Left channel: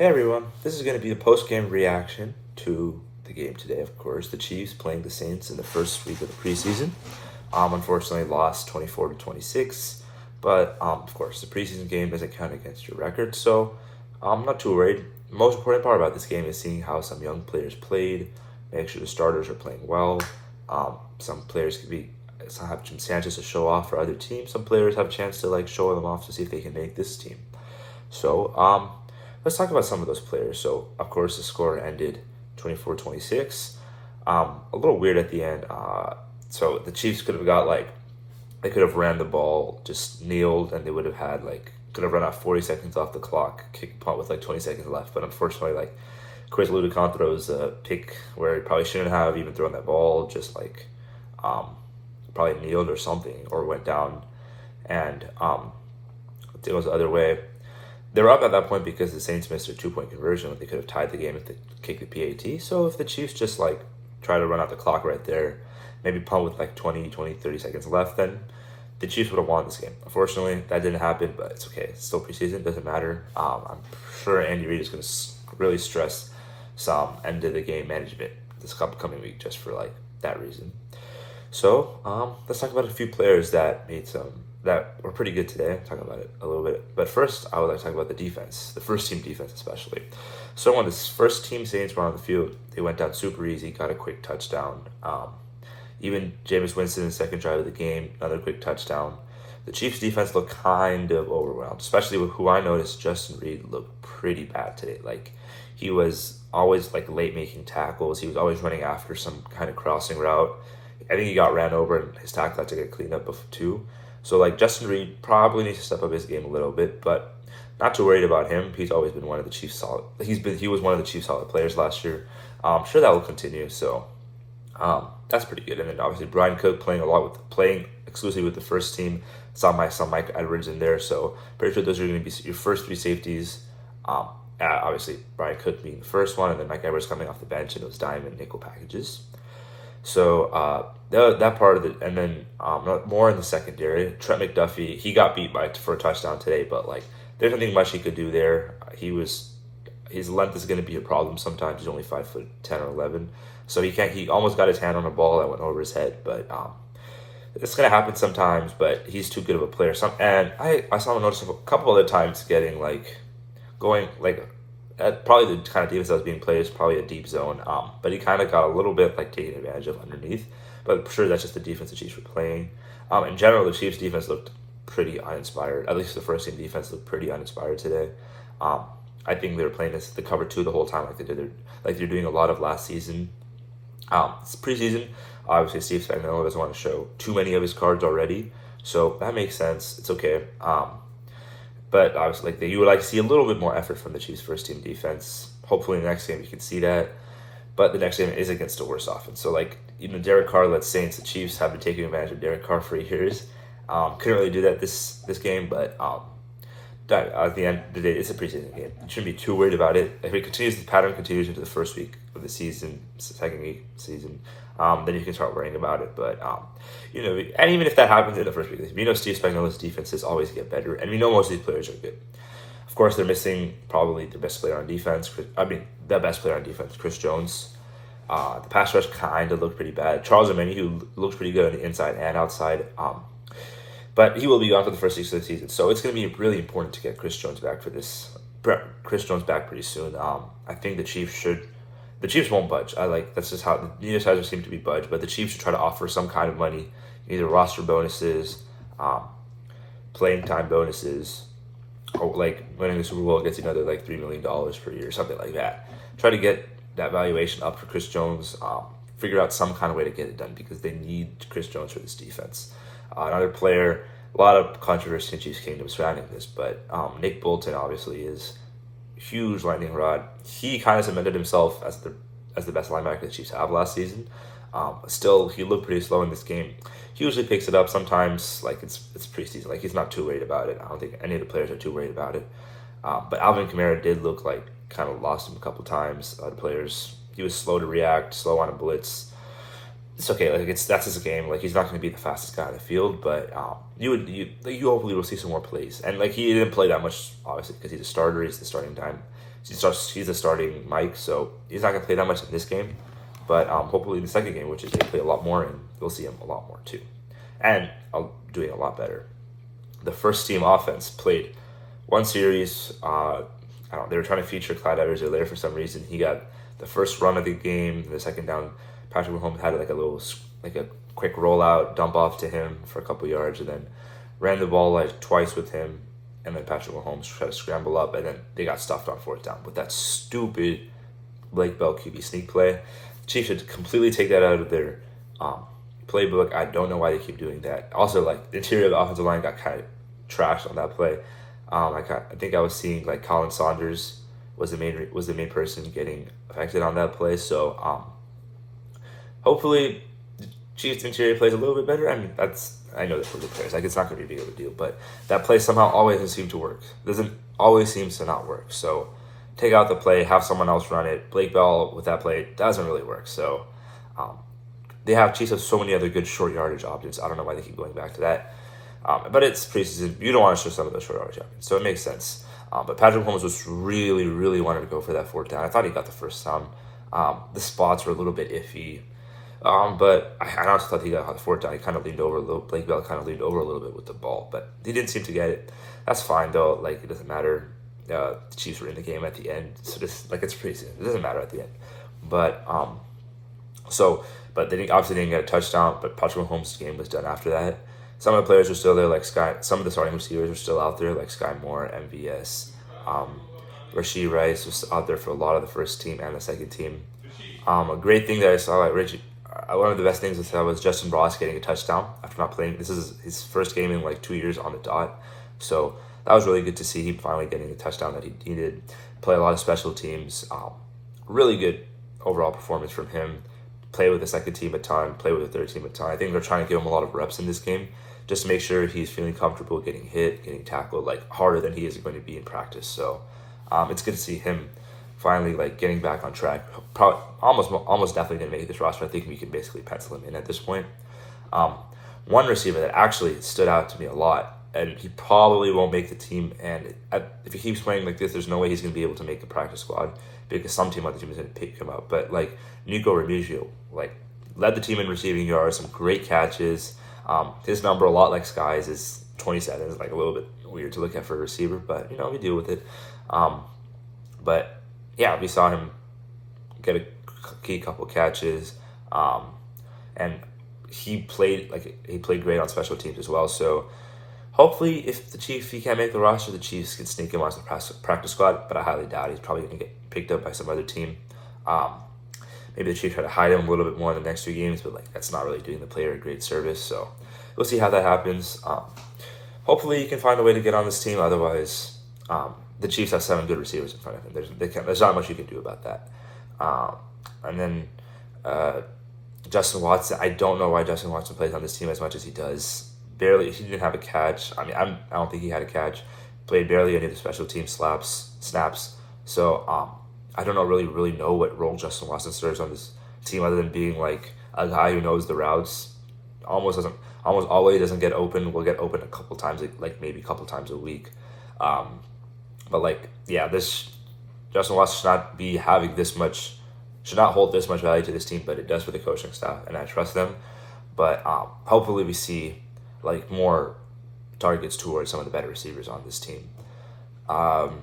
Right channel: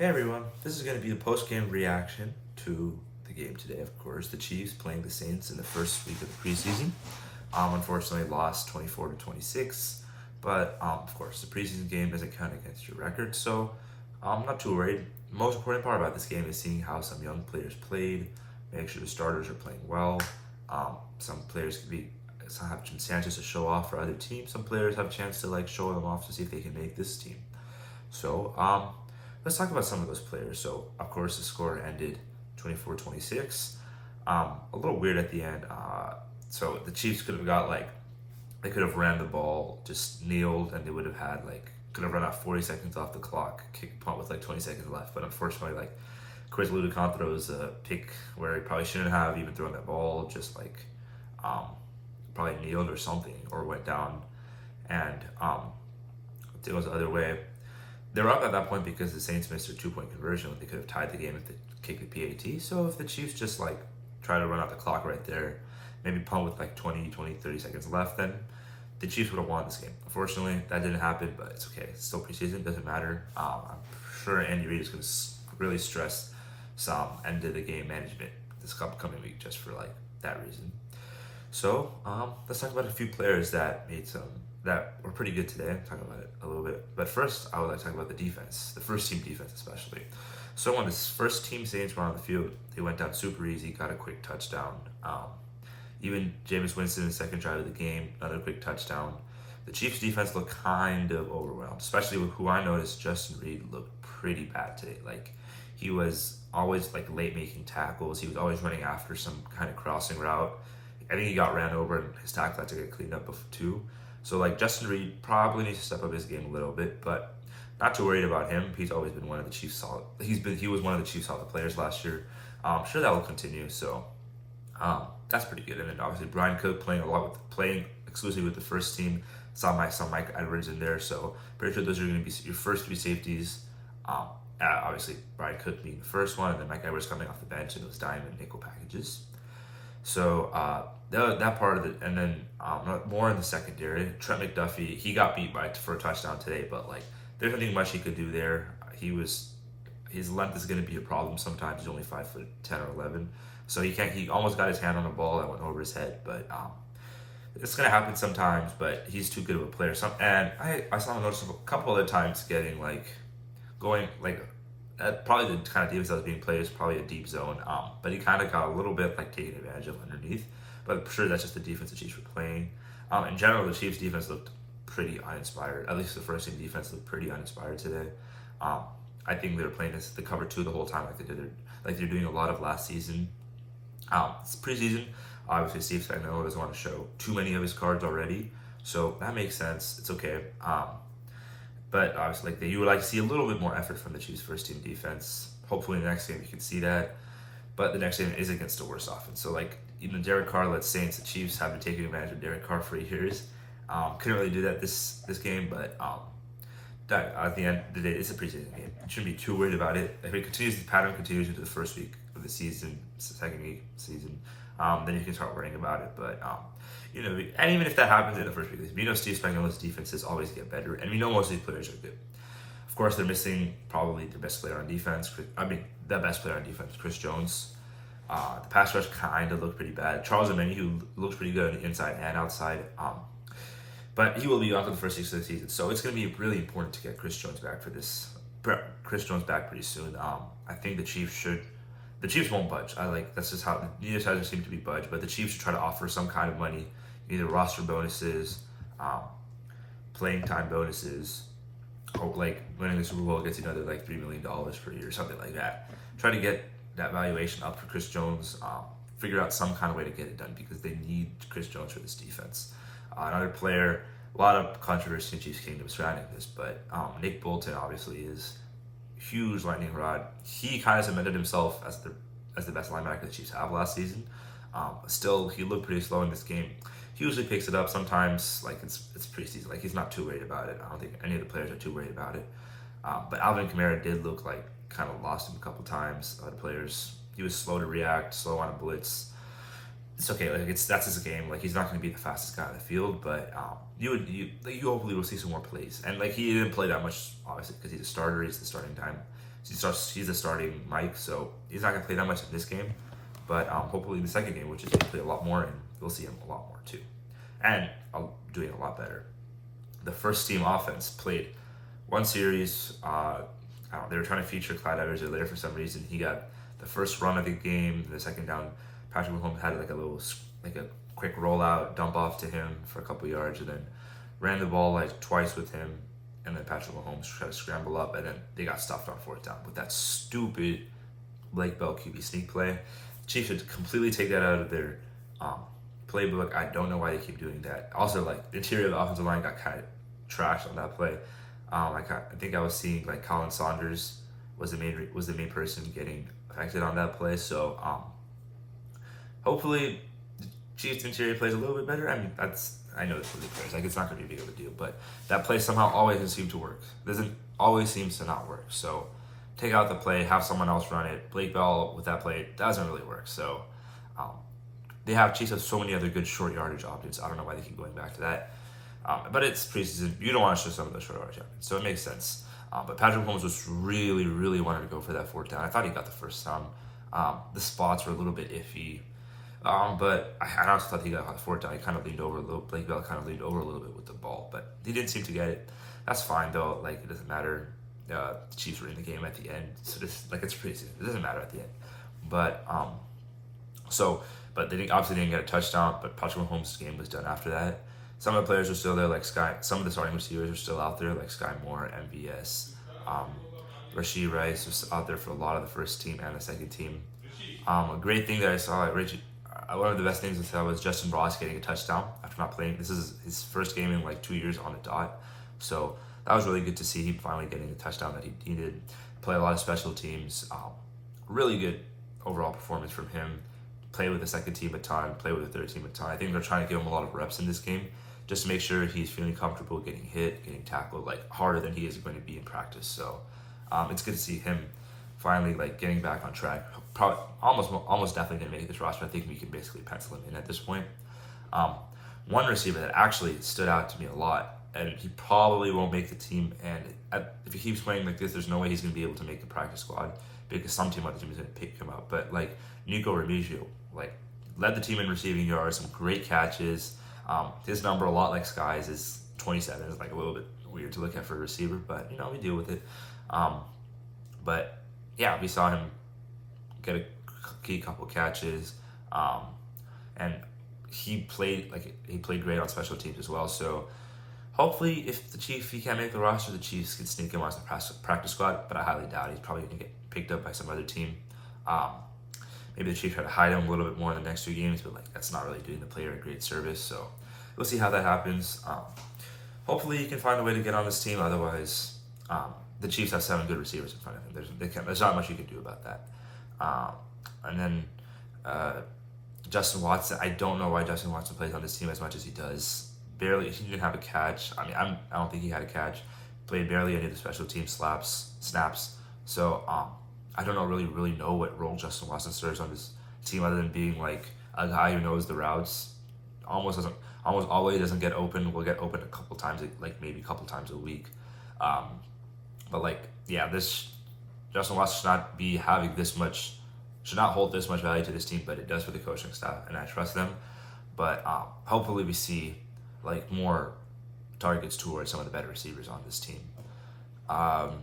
Hey everyone, this is going to be the post-game reaction to the game today, of course. The Chiefs playing the Saints in the first week of the preseason. Unfortunately lost 24 to 26, but of course the preseason game doesn't count against your record, so I'm not too worried. The most important part about this game is seeing how some young players played, make sure the starters are playing well. Some players have Jim Sanchez to show off for other teams. Some players have a chance to show them off to see if they can make this team. So, let's talk about some of those players. So, of course, the score ended 24-26. A little weird at the end. So the Chiefs could have they could have ran the ball, just kneeled, and they would have had could have run out 40 seconds off the clock, kick punt with 20 seconds left. But unfortunately, Chris Ludicon throws a pick where he probably shouldn't have even thrown that ball, just probably kneeled or something, or went down, and it goes the other way. They were up at that point because the Saints missed their 2-point conversion when they could have tied the game if they kicked the PAT. So if the Chiefs just try to run out the clock right there, maybe punt with 30 seconds left, then the Chiefs would have won this game. Unfortunately, that didn't happen, but it's okay. It's still preseason, doesn't matter. I'm sure Andy Reid is going to really stress some end of the game management this upcoming week just for that reason. So let's talk about a few players that were pretty good today. I'll talk about it a little bit. But first, I would like to talk about the defense, the first team defense especially. So when this first team Saints were on the field, they went down super easy, got a quick touchdown. Even Jameis Winston in the second drive of the game, another quick touchdown. The Chiefs defense looked kind of overwhelmed, especially with who I noticed, Justin Reid, looked pretty bad today. He was always late making tackles. He was always running after some kind of crossing route. I think he got ran over and his tackle had to get cleaned up too. So Justin Reid probably needs to step up his game a little bit, but not too worried about him. He's always been one of the Chiefs solid. He was one of the Chiefs solid players last year. I'm sure that will continue. So that's pretty good. And then obviously Brian Cook playing exclusively with the first team. Saw Mike Edwards in there. So pretty sure those are going to be your first three safeties. Obviously Brian Cook being the first one, and then Mike Edwards coming off the bench in those dime and nickel packages. So that part of it, and then more in the secondary. Trent McDuffie, he got beat for a touchdown today, but there's nothing much he could do there. His length is going to be a problem sometimes. He's only 5'10" or 11, so he almost got his hand on a ball that went over his head. But it's going to happen sometimes. But he's too good of a player. And I saw him notice a couple other times getting going probably the kind of defense that was being played is probably a deep zone. But he kind of got a little bit taken advantage of underneath. But I'm sure that's just the defense the Chiefs were playing. In general, the Chiefs defense looked pretty uninspired. At least the first team defense looked pretty uninspired today. I think they were playing the cover two the whole time, they're doing a lot of last season. It's preseason. Obviously, Steve Spagnuolo doesn't want to show too many of his cards already, so that makes sense. It's okay. But obviously, you would like to see a little bit more effort from the Chiefs' first team defense. Hopefully, in the next game you can see that. But the next game is against a worse offense. So, Derek Carr led Saints. The Chiefs have been taking advantage of Derek Carr for years. Couldn't really do that this game, but at the end of the day, it's a preseason game. You shouldn't be too worried about it. If the pattern continues into the first week of the season, second week season, then you can start worrying about it. But and even if that happens in the first week, Steve Spagnuolo's defenses always get better, and we know most of these players are good. Of course, they're missing probably their best player on defense. The best player on defense, Chris Jones. The pass rush kind of looked pretty bad. Charles Omeni, who looks pretty good on the inside and outside. But he will be gone for the first 6 of the season, so it's going to be really important to get Chris Jones back pretty soon. I think the Chiefs won't budge. That's just how neither side doesn't seem to be budged, but the Chiefs should try to offer some kind of money, either roster bonuses, playing time bonuses, or winning the Super Bowl gets you another $3 million per year, something like that. Try to get that valuation up for Chris Jones. Figure out some kind of way to get it done because they need Chris Jones for this defense. Another player, a lot of controversy in Chiefs Kingdom surrounding this, but Nick Bolton obviously is a huge lightning rod. He kind of cemented himself as the best linebacker the Chiefs have last season. Still, he looked pretty slow in this game. He usually picks it up sometimes, it's preseason. He's not too worried about it. I don't think any of the players are too worried about it. But Alvin Kamara did look kind of lost him a couple times. The players, he was slow to react, slow on a blitz. It's okay. That's his game. He's not going to be the fastest guy on the field, but you hopefully will see some more plays. And he didn't play that much, obviously, because he's a starter. He's the starting time. He's a starting Mike, so he's not going to play that much in this game. But hopefully in the second game, which is they play a lot more, and we'll see him a lot more too. And doing a lot better. The first team offense played one series. They were trying to feature Clyde Edwards-Helaire for some reason. He got the first run of the game. The second down, Patrick Mahomes had a quick rollout, dump off to him for a couple yards, and then ran the ball like twice with him. And then Patrick Mahomes tried to scramble up, and then they got stuffed on fourth down with that stupid Blake Bell QB sneak play. Chiefs should completely take that out of their playbook. I don't know why they keep doing that. Also, like, the interior of the offensive line got kind of trashed on that play. I think I was seeing like Colin Saunders was the main person getting affected on that play. So hopefully the Chiefs interior plays a little bit better. I mean, I know that's what it players. Like, it's not going to be a big of a deal, but that play somehow always doesn't seem to work. Always seems to not work. So take out the play, have someone else run it. Blake Bell with that play doesn't really work. So Chiefs have so many other good short yardage options. I don't know why they keep going back to that. But it's preseason. You don't want to show some of those short yardage options, so it makes sense. But Patrick Mahomes was really, really wanted to go for that fourth down. I thought he got the first time. The spots were a little bit iffy. But I honestly thought he got the fourth down. He kind of leaned over a little. Blake Bell kind of leaned over a little bit with the ball, but he didn't seem to get it. That's fine though. Like, it doesn't matter. The Chiefs were in the game at the end, so it's preseason. It doesn't matter at the end. But they obviously didn't get a touchdown. But Patrick Mahomes' game was done after that. Some of the players are still there, like Sky. Some of the starting receivers are still out there, like Sky Moore, MVS, Rashee Rice was out there for a lot of the first team and the second team. A great thing that I saw, like Richie. One of the best things I saw was Justin Ross getting a touchdown after not playing. This is his first game in like 2 years on the dot. So that was really good to see him finally getting a touchdown that he needed. Play a lot of special teams. Really good overall performance from him. Play with the second team a ton. Play with the third team a ton. I think they're trying to give him a lot of reps in this game just to make sure he's feeling comfortable getting hit, getting tackled, like harder than he is going to be in practice. So it's good to see him finally like getting back on track. Probably, almost definitely going to make this roster. I think we can basically pencil him in at this point. One receiver that actually stood out to me a lot, and he probably won't make the team, and if he keeps playing like this, there's no way he's going to be able to make the practice squad because some team on the team is going to pick him up. But like Nico Remigio, like led the team in receiving yards, some great catches. His number, a lot like Sky's, is 27. It's like a little bit weird to look at for a receiver, but we deal with it. But yeah, we saw him get a key couple catches, and he played great on special teams as well. So hopefully, if he can't make the roster, the Chiefs can sneak him onto the practice squad. But I highly doubt he's probably going to get picked up by some other team. Maybe the Chiefs try to hide him a little bit more in the next 2 games, but like that's not really doing the player a great service. So we'll see how that happens. Hopefully, he can find a way to get on this team. Otherwise, the Chiefs have 7 good receivers in front of him. There's not much you can do about that. And then Justin Watson. I don't know why Justin Watson plays on this team as much as he does. Barely, he didn't have a catch. I mean, I don't think he had a catch. Played barely any of the special team snaps. So I don't really know what role Justin Watson serves on this team other than being like a guy who knows the routes. Almost always doesn't get open. Will get open a couple times, like maybe a couple times a week. But like, yeah, this Justin Watson should not hold this much value to this team, but it does for the coaching staff, and I trust them. But hopefully we see like more targets towards some of the better receivers on this team. You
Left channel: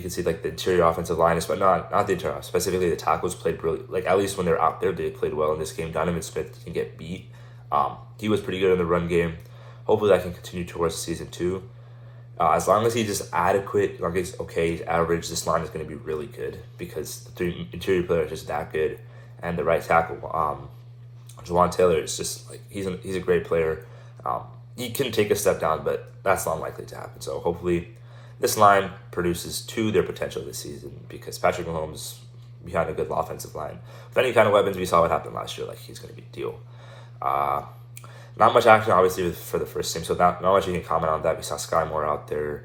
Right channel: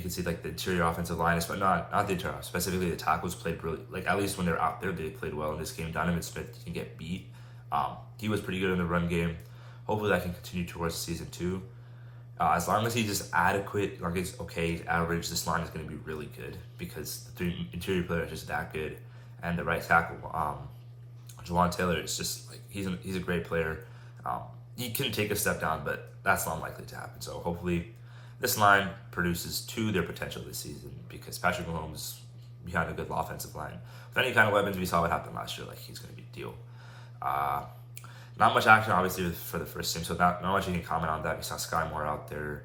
can see like the interior offensive line, but not the interior, specifically the tackles played brilliant. Like at least when they're out there, they played well in this game. Donovan Smith can get beat. He was pretty good in the run game. Hopefully that can continue towards season 2. As long as he's just adequate, like he's okay, he's average, this line is going to be really good because the 3 interior players are just that good, and the right tackle, Jawan Taylor, is just like he's a great player. He can take a step down, but that's not likely to happen. So hopefully this line produces to their potential this season because Patrick Mahomes behind a good offensive line. With any kind of weapons, we saw what happened last year. Like he's going to be a deal. Not much action, obviously, for the first team, so not much you can comment on that. We saw Sky Moore out there.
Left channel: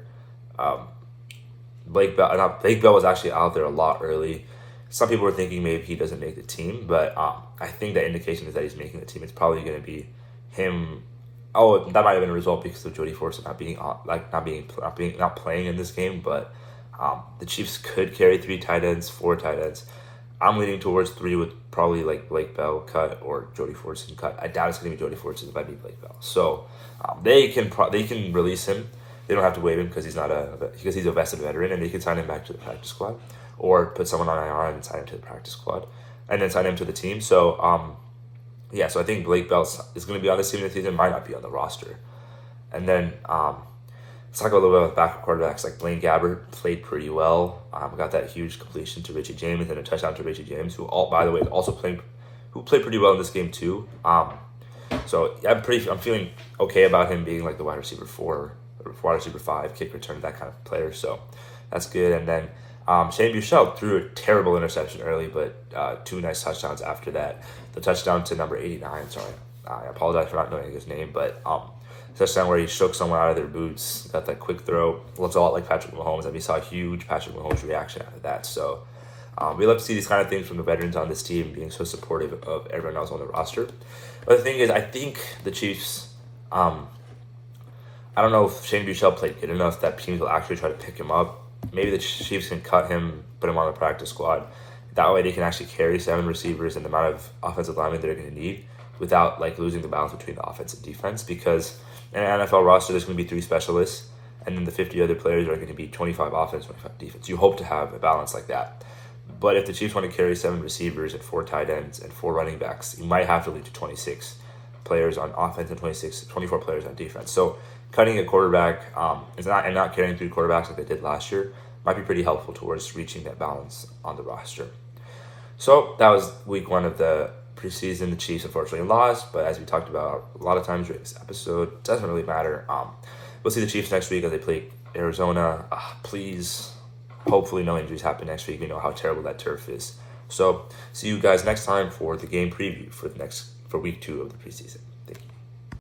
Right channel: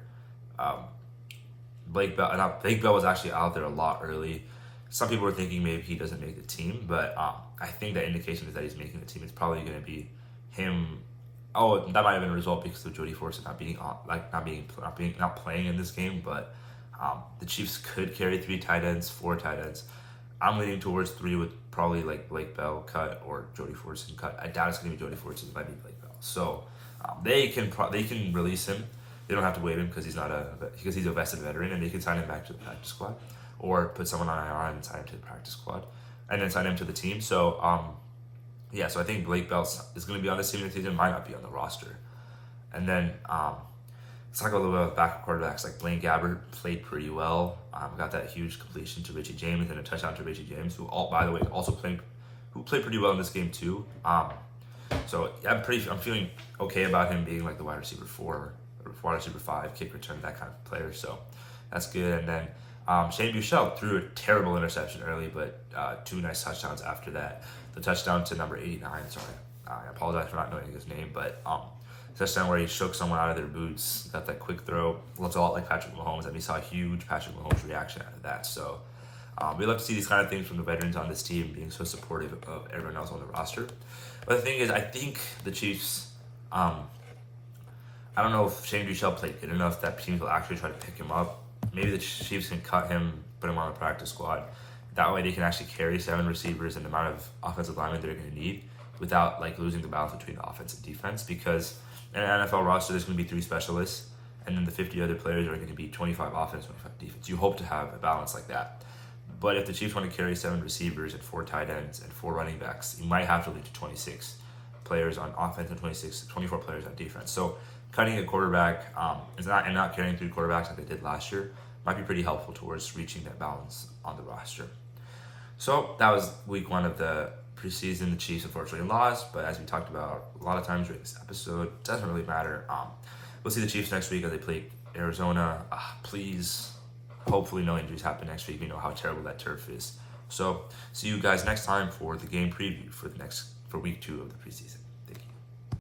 Blake Bell was actually out there a lot early. Some people were thinking maybe he doesn't make the team, but I think the indication is that he's making the team. It's probably going to be him. Oh, that might have been a result because of Jody Forster not playing in this game, but The Chiefs could carry 3 tight ends, 4 tight ends. I'm leaning towards 3 with probably like Blake Bell cut or Jody Fortson cut. I doubt it's going to be Jody Fortson. It might be Blake Bell. So they can release him. They don't have to waive him because he's a vested veteran, and they can sign him back to the practice squad, or put someone on IR and sign him to the practice squad, and then sign him to the team. So so I think Blake Bell is going to be on this team this season. Might not be on the roster. And then let's talk a little bit about backup quarterbacks. Like Blaine Gabbert played pretty well. Got that huge completion to Richie James and a touchdown to Richie James, who by the way also played pretty well in this game too. So I'm feeling okay about him being like the wide receiver 4, or wide receiver 5, kick return, that kind of player. So that's good. And then Shane Buechele threw a terrible interception early, but 2 nice touchdowns after that. The touchdown to number 89. Sorry, I apologize for not knowing his name, but touchdown where he shook someone out of their boots, got that quick throw. Looks a lot like Patrick Mahomes, and we saw a huge Patrick Mahomes reaction out of that. So we love to see these kind of things from the veterans on this team, being so supportive of everyone else on the roster. But the thing is, I think the Chiefs, I don't know if Shane Buechele played good enough that teams will actually try to pick him up. Maybe the Chiefs can cut him, put him on the practice squad. That way they can actually carry 7 receivers and the amount of offensive linemen they're going to need without like losing the balance between the offense and defense. Because in an NFL roster, there's going to be 3 specialists, and then the 50 other players are going to be 25 offense, 25 defense. You hope to have a balance like that. But if the Chiefs want to carry 7 receivers and 4 tight ends and 4 running backs, you might have to lead to 26 players on offense and 24 players on defense. So cutting a quarterback and not carrying 3 quarterbacks like they did last year might be pretty helpful towards reaching that balance on the roster. So that was week 1 of the preseason. The Chiefs unfortunately lost, but as we talked about a lot of times during this episode, it doesn't really matter. We'll see the Chiefs next week as they play Arizona. Please, hopefully no injuries happen next week. We know how terrible that turf is. So see you guys next time for the game preview for week 2 of the preseason.